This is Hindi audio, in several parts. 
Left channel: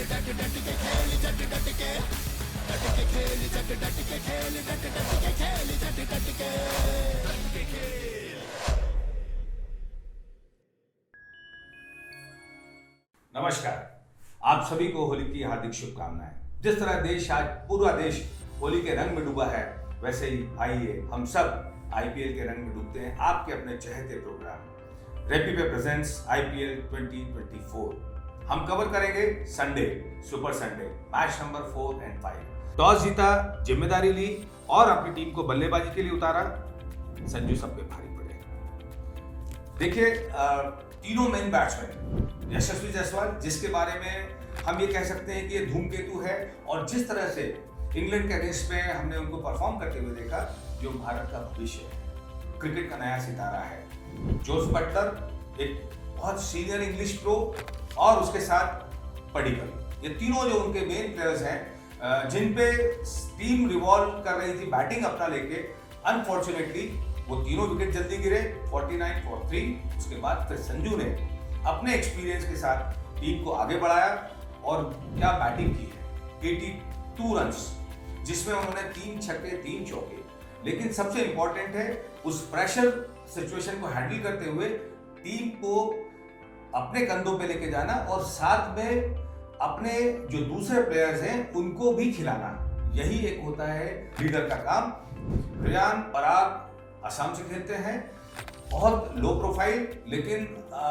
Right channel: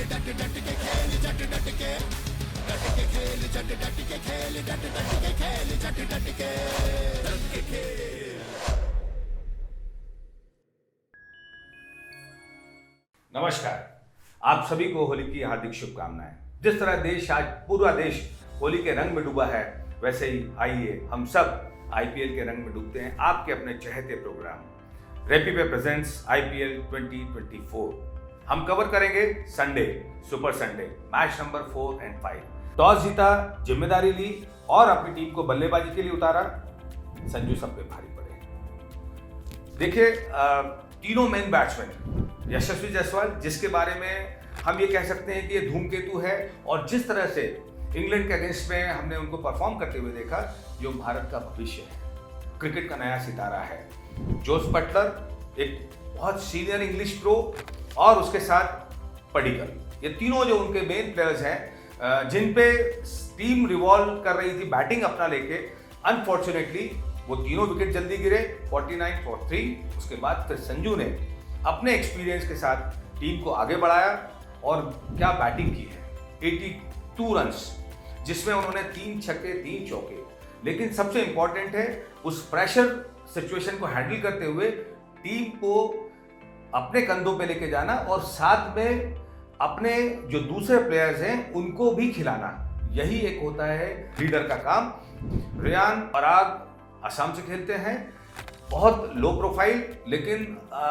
नमस्कार, आप सभी को होली की हार्दिक शुभकामनाएं। जिस तरह देश आज पूरा देश होली के रंग में डूबा है, वैसे ही आइए हम सब आईपीएल के रंग में डूबते हैं आपके अपने चहेते प्रोग्राम रेपी पे प्रेजेंट्स आईपीएल 2024। हम कवर करेंगे Sunday, super Sunday, match number 4 और 5। टॉस जीता, जिम्मेदारी ली और अपनी टीम को बल्लेबाजी के लिए उतारा। संजू सब पे भारी पड़े। देखिए, तीनों मेन बैट्समैन, यशस्वी जायसवाल जिसके बारे में हम ये कह सकते हैं कि ये धूमकेतु है, और जिस तरह से इंग्लैंड के अगेंस्ट में हमने उनको परफॉर्म करते हुए देखा, जो भारत का भविष्य है, क्रिकेट का नया सितारा है। जोस बटलर एक बहुत सीनियर इंग्लिश प्रो, और उसके साथ पडिक्कल, ये तीनों जो उनके मेन प्लेयर्स हैं, जिन पे टीम रिवॉल्व कर रही थी बैटिंग अपना लेके। अनफॉर्चुनेटली वो तीनों विकेट जल्दी गिरे, 49 for 3। उसके बाद फिर संजू ने अपने एक्सपीरियंस के साथ टीम को आगे बढ़ाया, और क्या बैटिंग की है। 82 रन्स, जिसमें उन्होंने 3 छक्के 3 चौके। लेकिन सबसे इंपॉर्टेंट है, उस प्रेशर सिचुएशन को हैंडल करते हुए टीम को अपने कंधों पे लेके जाना, और साथ में अपने जो दूसरे प्लेयर्स हैं उनको भी खिलाना। यही एक होता है लीडर का काम। रियान पराग असम से खेलते हैं, बहुत लो प्रोफाइल, लेकिन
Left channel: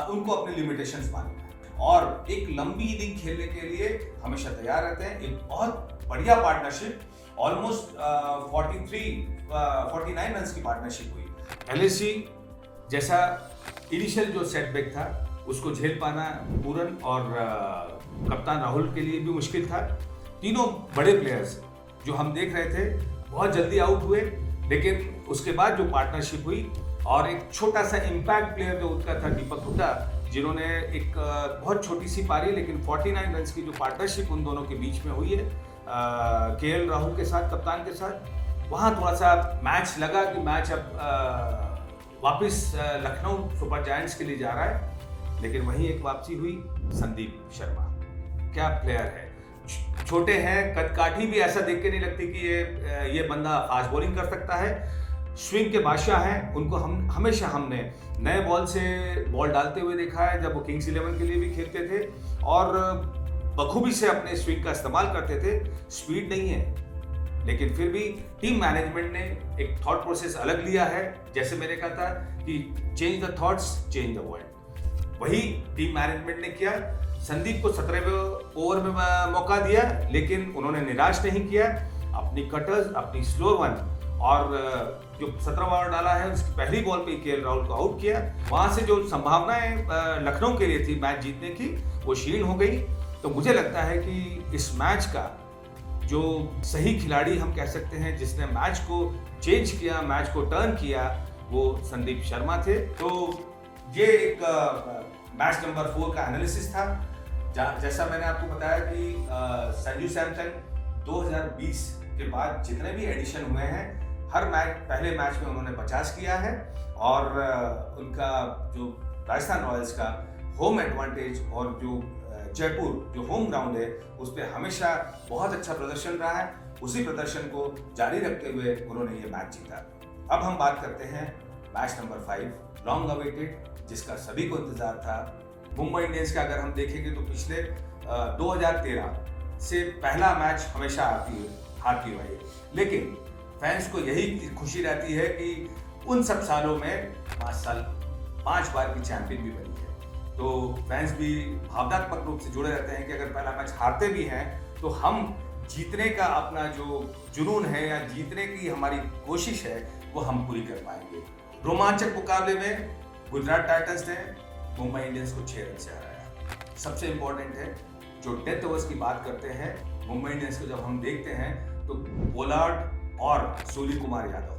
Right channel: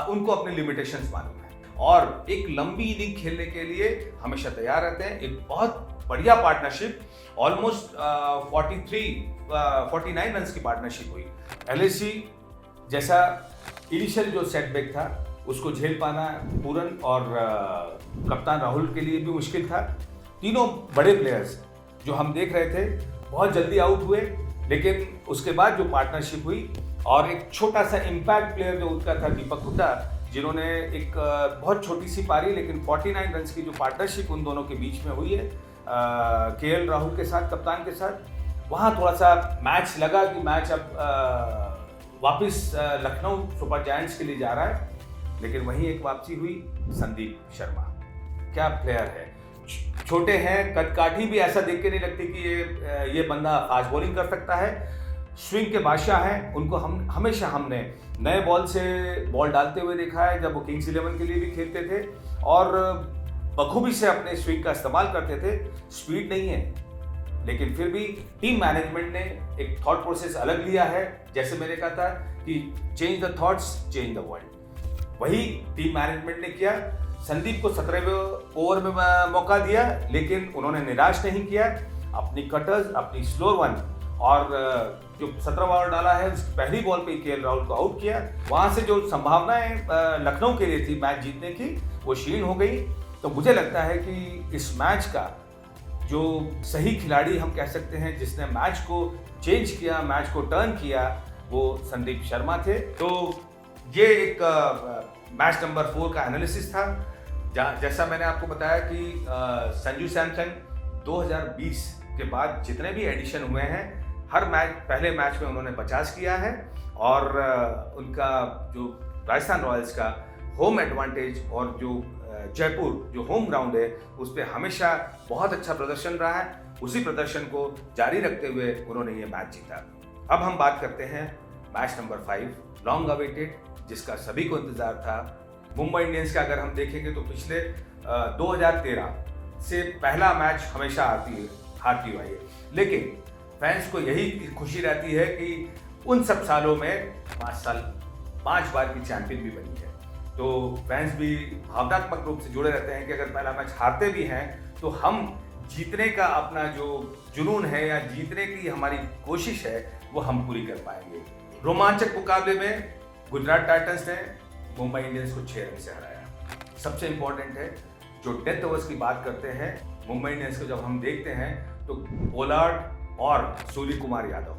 उनको अपने लिमिटेशंस मालूम है, और एक लंबी इनिंग खेलने के लिए हमेशा तैयार रहते हैं। एक बहुत बढ़िया पार्टनरशिप, ऑलमोस्ट 49 रन्स की पार्टनरशिप हुई। एलएसी जैसा इनिशियल जो सेटबैक था, उसको झेल पाना पूरन और कप्तान राहुल के लिए भी मुश्किल था। तीनों बड़े प्लेयर्स जो हम देख रहे थे बहुत जल्दी आउट हुए, लेकिन उसके बाद जो पार्टनरशिप हुई, और एक छोटा सा इम्पैक्ट प्लेयर जो उनका था दीपक हुड्डा, जिन्होंने एक बहुत छोटी सी पारी, लेकिन 49 रन्स की जो पार्टनरशिप उन दोनों के बीच में हुई है केएल राहुल के साथ, कप्तान के साथ, वहाँ थोड़ा सा मैच लगा कि मैच अब वापस लखनऊ सुपर जायंट्स के लिए जा रहा है। लेकिन वहीं एक वापसी हुई। संदीप शर्मा क्या प्लेयर है, छोटे हैं, कदकाठी भी ऐसा देख के नहीं लगती कि ये बंदा फास्ट बॉलिंग कर सकता है। स्विंग के बादशाह हैं, उनको हमेशा हमने नए बॉल से बॉल डालते हुए देखा है, जब वो किंग्स 11 के लिए भी खेलते थे, और बखूबी से अपने स्विंग का इस्तेमाल करते थे। स्पीड नहीं है, लेकिन फिर भी टीम मैनेजमेंट ने एक थॉट प्रोसेस अलग लिया है। जैसे मैंने कहा था कि change the thoughts change the world, वही टीम मैनेजमेंट ने किया। संदीप को 17वें ओवर में मौका दिया, लेकिन उन्होंने निराश नहीं किया। अपनी कटर्स, अपनी स्लो वन, और जो 17वां ओवर डाला है उसकी पहली बॉल पे केएल राहुल को आउट किया। वहां से जो संभावनाएं लखनऊ के लिए थी मैच जीतने की, वो क्षीण हो गई। तो मुझे लगता है कि इस मैच का जो सही खिलाड़ी हम कह सकते हैं, जिसने मैच को चेंज किया, मैच को टर्न किया, वो संदीप शर्मा थे। तो ये एक मैच नंबर 4 का एनालिसिस था। जैसा मैंने आपको बताया कि संजू सैमसन 2020 के बाद जितने भी एडिशन हुए हैं, हर मैच, पहले मैच में उन्होंने 50 किया है, और उनका जो राजस्थान रॉयल्स का होम एडवांटेज और जो जयपुर जो होम ग्राउंड है, उस पर हमेशा बहुत अच्छा प्रदर्शन रहा है। उसी प्रदर्शन को जारी रखते हुए उन्होंने ये मैच जीता। अब हम बात करते हैं मैच नंबर 5, लॉन्ग अवेटेड, जिसका सभी को इंतजार था। मुंबई इंडियंस का अगर हम देखेंगे तो पिछले 2013 से पहला मैच हमेशा हारती हुई है, लेकिन फैंस को यही खुशी रहती है कि उन सब सालों में 5 बार की चैंपियन भी बनी है। तो फैंस भी भावनात्मक रूप से जुड़े रहते हैं कि अगर पहला मैच हारते भी हैं, तो हम जीतने का अपना जो जुनून है, या जीतने की हमारी कोशिश है, वो हम पूरी कर पाएंगे। रोमांचक मुकाबले में गुजरात टाइटंस ने मुंबई इंडियंस को 6 रन से हराया। सबसे इंपॉर्टेंट है, जो डेथ ओवर्स की बात करते हैं मुंबई इंडियंस को जब हम देखते हैं, तो पोलार्ड और सूर्य कुमार यादव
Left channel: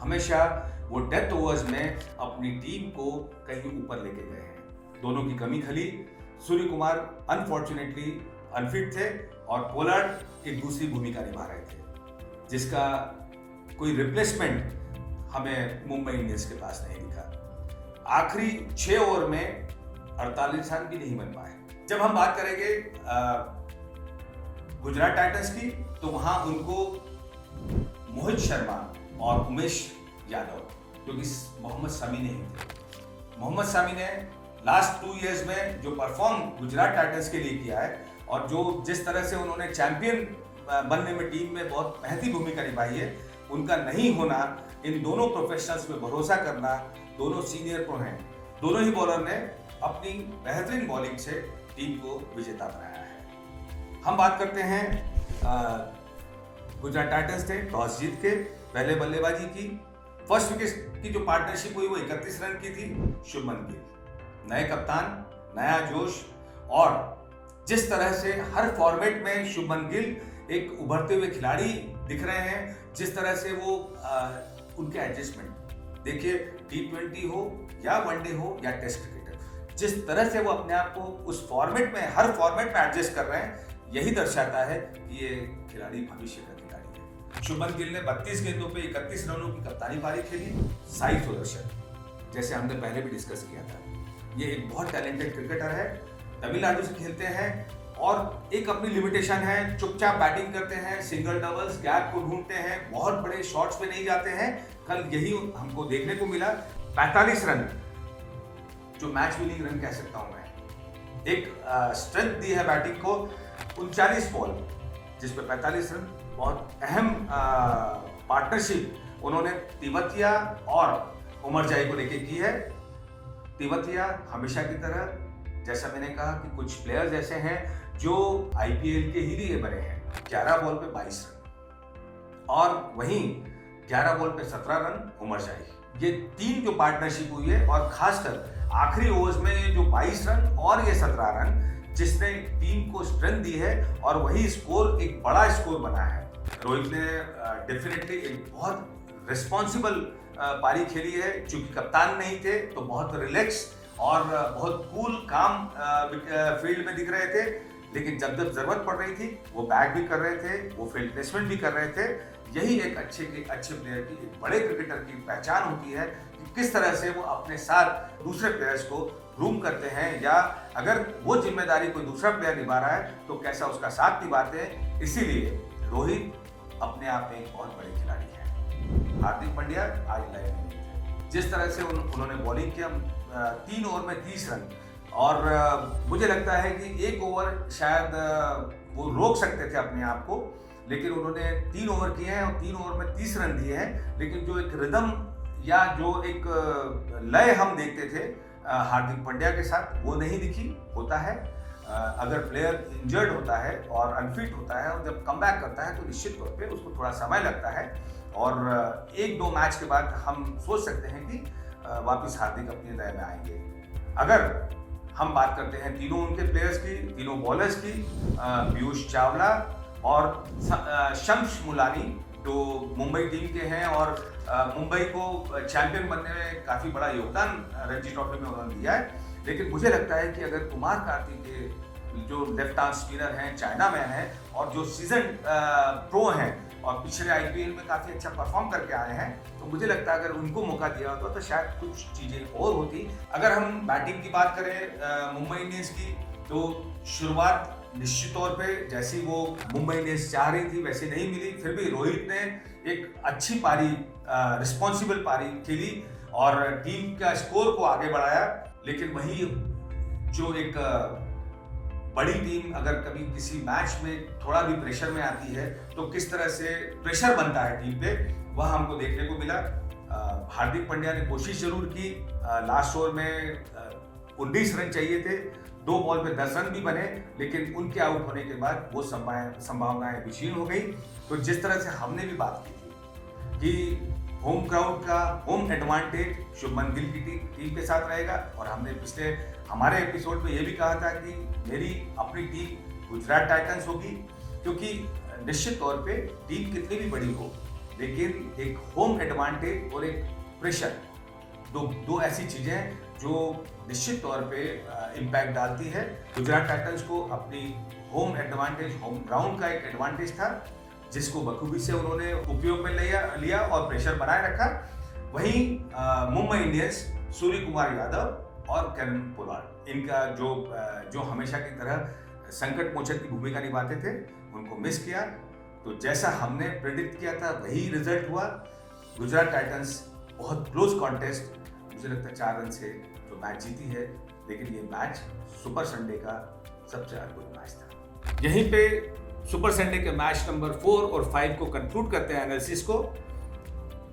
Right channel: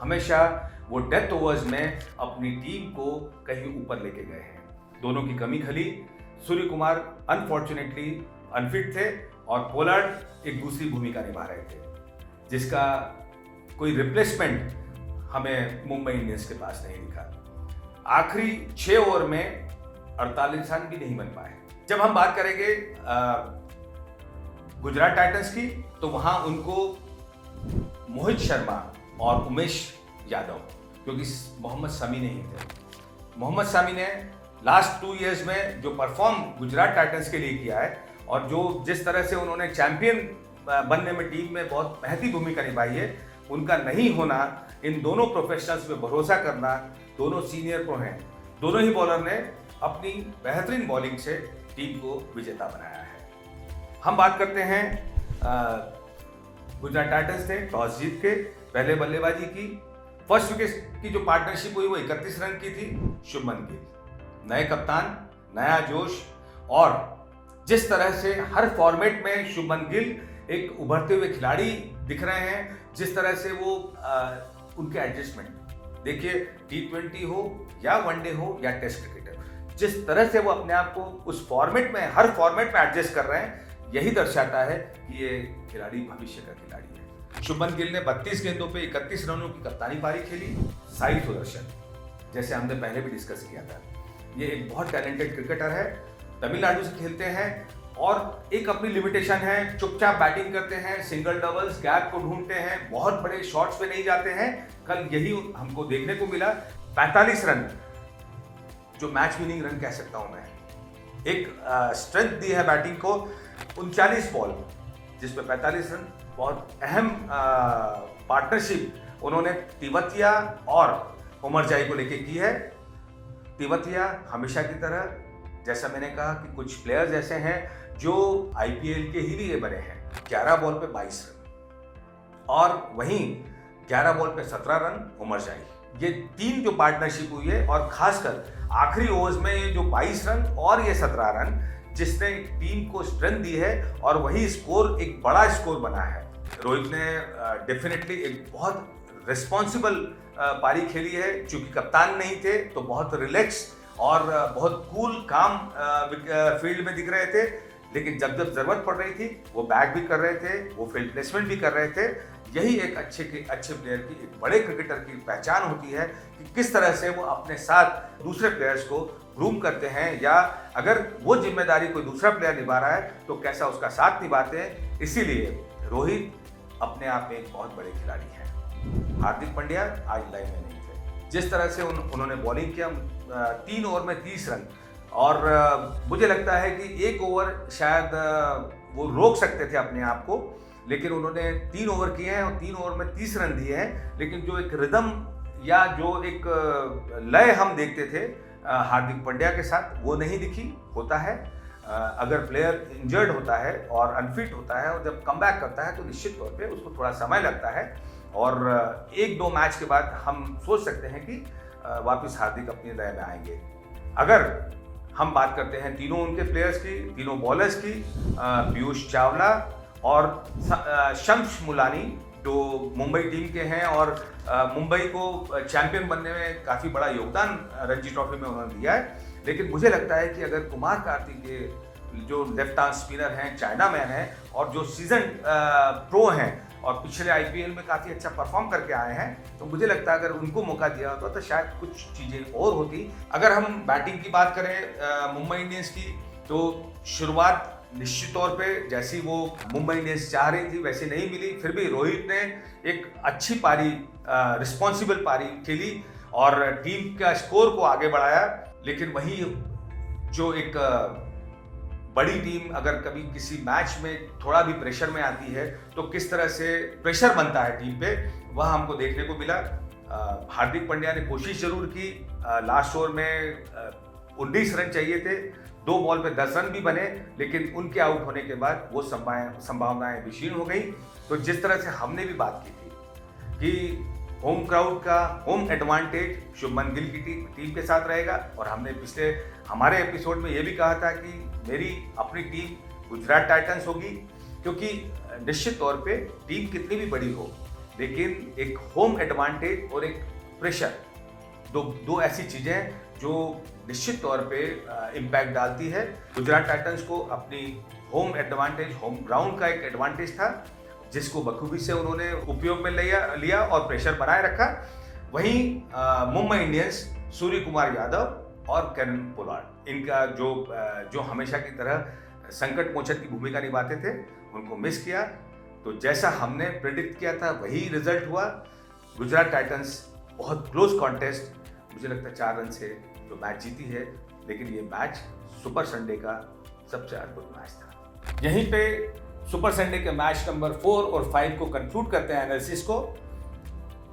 हमेशा वो डेथ ओवर्स में अपनी टीम को कहीं ऊपर लेके गए हैं। दोनों की कमी खली। सूर्य कुमार अनफॉर्चुनेटली अनफिट थे, और पोलार्ड एक दूसरी भूमिका निभा रहे थे, जिसका कोई रिप्लेसमेंट हमें मुंबई इंडियंस के पास नहीं दिखा। आखिरी 6 ओवर में 48 रन भी नहीं बन पाए। जब हम बात करेंगे गुजरात टाइटंस की, तो वहां उनको मोहित शर्मा और उमेश यादव, क्योंकि मोहम्मद शमी नहीं थे। मोहम्मद शमी ने लास्ट 2 इयर्स में जो परफॉर्म गुजरात टाइटंस के लिए किया है और जो जिस तरह से उन्होंने चैंपियन बनने में टीम में बहुत महती भूमिका निभाई है, उनका नहीं होना, इन दोनों प्रोफेशनल्स पे भरोसा करना, दोनों सीनियर प्रो हैं, दोनों ही बॉलर ने अपनी बेहतरीन बॉलिंग से टीम को विजेता बनाया है। हम बात करते हैं गुजरात टाइटंस ने टॉस जीत के पहले बल्लेबाजी की। फर्स्ट विकेट की जो पार्टनरशिप हुई वो 31 रन की थी। शुभमन गिल नए कप्तान, नया जोश, और जिस तरह से हर फॉर्मेट में शुभमन गिल एक उभरते हुए खिलाड़ी दिख रहे हैं, जिस तरह से वो उनके एडजस्टमेंट देखिए, T20 हो या वनडे हो या टेस्ट क्रिकेटर, जिस तरह से वो अपने आप को उस फॉर्मेट में, हर फॉर्मेट में एडजस्ट कर रहे हैं, यही दर्शाता है कि ये खिलाड़ी भविष्य का खिलाड़ी है। शुभमन गिल ने 32 गेंदों पे 31 रनों की कप्तानी पारी खेली। साई सुदर्शन, जैसे हमने पहले भी डिस्कस किया था, ये एक बहुत टैलेंटेड क्रिकेटर है, तमिलनाडु से खेलते हैं और एक अपनी लिमिटेशन है, चुपचाप बैटिंग करते हैं, सिंगल डबल्स गैप को ढूंढते हैं, बहुत बड़े शॉट्स पे नहीं जाते हैं। कल यही हमको देखने को मिला। 45 रन जो मैच विनिंग रन कह सकता हूं मैं, एक स्ट्रेंथ दी है बैटिंग को। 39 बॉल जिस पे 45 रन, बहुत अहम पार्टनरशिप उन्होंने तिवतिया और उमरजाई को लेके की है। तिवतिया हमेशा की तरह, जैसा मैंने कहा कि कुछ प्लेयर्स ऐसे हैं जो आईपीएल के ही लिए बने हैं। 11 बॉल पे 22 रन और वहीं 11 बॉल पे 17 रन उमरजाई। ये 3 जो पार्टनरशिप हुई है, और खासकर आखिरी ओवर्स में ये जो 22 रन और ये 17 रन, जिसने टीम को स्ट्रेंथ दी है, और वही स्कोर एक बड़ा स्कोर बना है। रोहित ने डेफिनेटली एक बहुत रिस्पॉन्सिबल पारी खेली है। चूंकि कप्तान नहीं थे तो बहुत रिलैक्स और बहुत कूल काम फील्ड में दिख रहे थे, लेकिन जब जब जरूरत पड़ रही थी वो बैट भी कर रहे थे, वो फील्ड प्लेसमेंट भी कर रहे थे। यही एक अच्छे प्लेयर की, एक बड़े क्रिकेटर की पहचान होती है कि किस तरह से वो अपने साथ दूसरे प्लेयर्स को ग्रूम करते हैं, या अगर वो जिम्मेदारी कोई दूसरा प्लेयर निभा रहा है तो कैसा उसका साथ निभाते हैं। इसीलिए रोहित अपने आप में एक बहुत बड़े खिलाड़ी हैं। हार्दिक पांड्या आज लाइन में नहीं थे। जिस तरह से उन्होंने बॉलिंग किया, 3 ओवर में 30 रन, और मुझे लगता है कि 1 ओवर शायद वो रोक सकते थे अपने आप को, लेकिन उन्होंने 3 ओवर किए हैं और 3 ओवर में 30 रन दिए हैं। लेकिन जो एक रिदम या जो एक लय हम देखते थे हार्दिक पांड्या के साथ, वो नहीं दिखी। होता है अगर प्लेयर इंजर्ड होता है और अनफिट होता है और जब कम बैक करता है तो निश्चित तौर पे उसको थोड़ा समय लगता है, और 1-2 मैच के बाद हम सोच सकते हैं कि वापस हार्दिक अपनी लय में आएंगे। अगर हम बात करते हैं तीनों उनके प्लेयर्स की, तीनों बॉलर्स की, पीयूष चावला और शम्स मुलानी, जो मुंबई टीम के हैं और मुंबई को चैंपियन बनने में काफ़ी बड़ा योगदान रणजी ट्रॉफी में उन्होंने दिया है। लेकिन मुझे लगता है कि अगर कुमार कार्तिक के जो लेफ्ट आर्म स्पिनर हैं, चाइना मैन हैं, और जो सीजन प्रो हैं और पिछले आईपीएल में काफ़ी अच्छा परफॉर्म करके आए हैं, तो मुझे लगता है अगर उनको मौका दिया होता तो शायद कुछ चीज़ें और होती। अगर हम बैटिंग की बात करें मुंबई इंडियंस की, तो शुरुआत निश्चित तौर पे जैसी वो मुंबई इंडियंस चाह रही थी वैसी नहीं मिली। फिर भी रोहित ने एक अच्छी पारी, रिस्पॉन्सिबल पारी खेली और टीम का स्कोर को आगे बढ़ाया। लेकिन वही जो एक बड़ी टीम अगर कभी किसी मैच में थोड़ा भी प्रेशर में आती है तो किस तरह से प्रेशर बनता है टीम पे, वह हमको देखने को मिला। हार्दिक पांड्या ने कोशिश जरूर की। लास्ट ओवर में 19 रन चाहिए थे, 2 बॉल पे 10 रन भी बने, लेकिन उनके आउट होने के बाद वो संभावनाएं विशीर्ण हो गई। तो जिस तरह से हमने भी बात की थी कि होम क्राउड का होम एडवांटेज शुभमन गिल की टीम के साथ रहेगा, और हमने पिछले हमारे एपिसोड में ये भी कहा था कि मेरी अपनी टीम गुजरात टाइटंस होगी, क्योंकि निश्चित तौर पे टीम कितनी भी बड़ी हो, लेकिन एक होम एडवांटेज और एक प्रेशर, दो ऐसी चीज़ें जो निश्चित तौर पे इम्पैक्ट डालती है। गुजरात टाइटंस को अपनी होम एडवांटेज, होम ग्राउंड का एक एडवांटेज था, जिसको बखूबी से उन्होंने उपयोग में लिया और प्रेशर बनाए रखा। वहीं मुंबई इंडियंस, सूर्य कुमार यादव और कैरन पोलार्ड, इनका जो हमेशा की तरह संकट मोचक की भूमिका निभाते थे, उनको मिस किया। तो जैसा हमने प्रेडिक्ट किया था वही रिजल्ट हुआ। गुजरात टाइटंस बहुत क्लोज कॉन्टेस्ट, मुझे लगता है 4 रन से जो मैच जीती है, लेकिन ये मैच सुपर संडे का सबसे अद्भुत मैच था। यहीं पे सुपर संडे के मैच नंबर 4 और 5 को कंक्लूड करते हैं एनालिसिस को,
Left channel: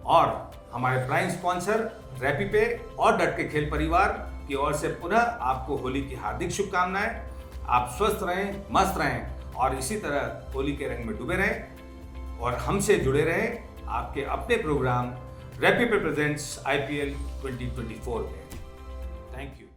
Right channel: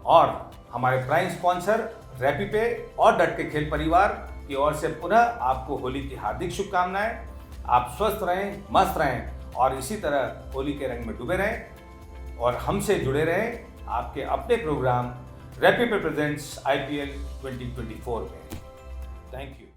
और हमारे प्राइम स्पॉन्सर रैपी पे और डट के खेल परिवार की ओर से पुनः आपको होली की हार्दिक शुभकामनाएं। आप स्वस्थ रहें, मस्त रहें और इसी तरह होली के रंग में डूबे रहें और हमसे जुड़े रहें आपके अपने प्रोग्राम रैपी पे प्रेजेंट्स IPL 2024 में। Thank you.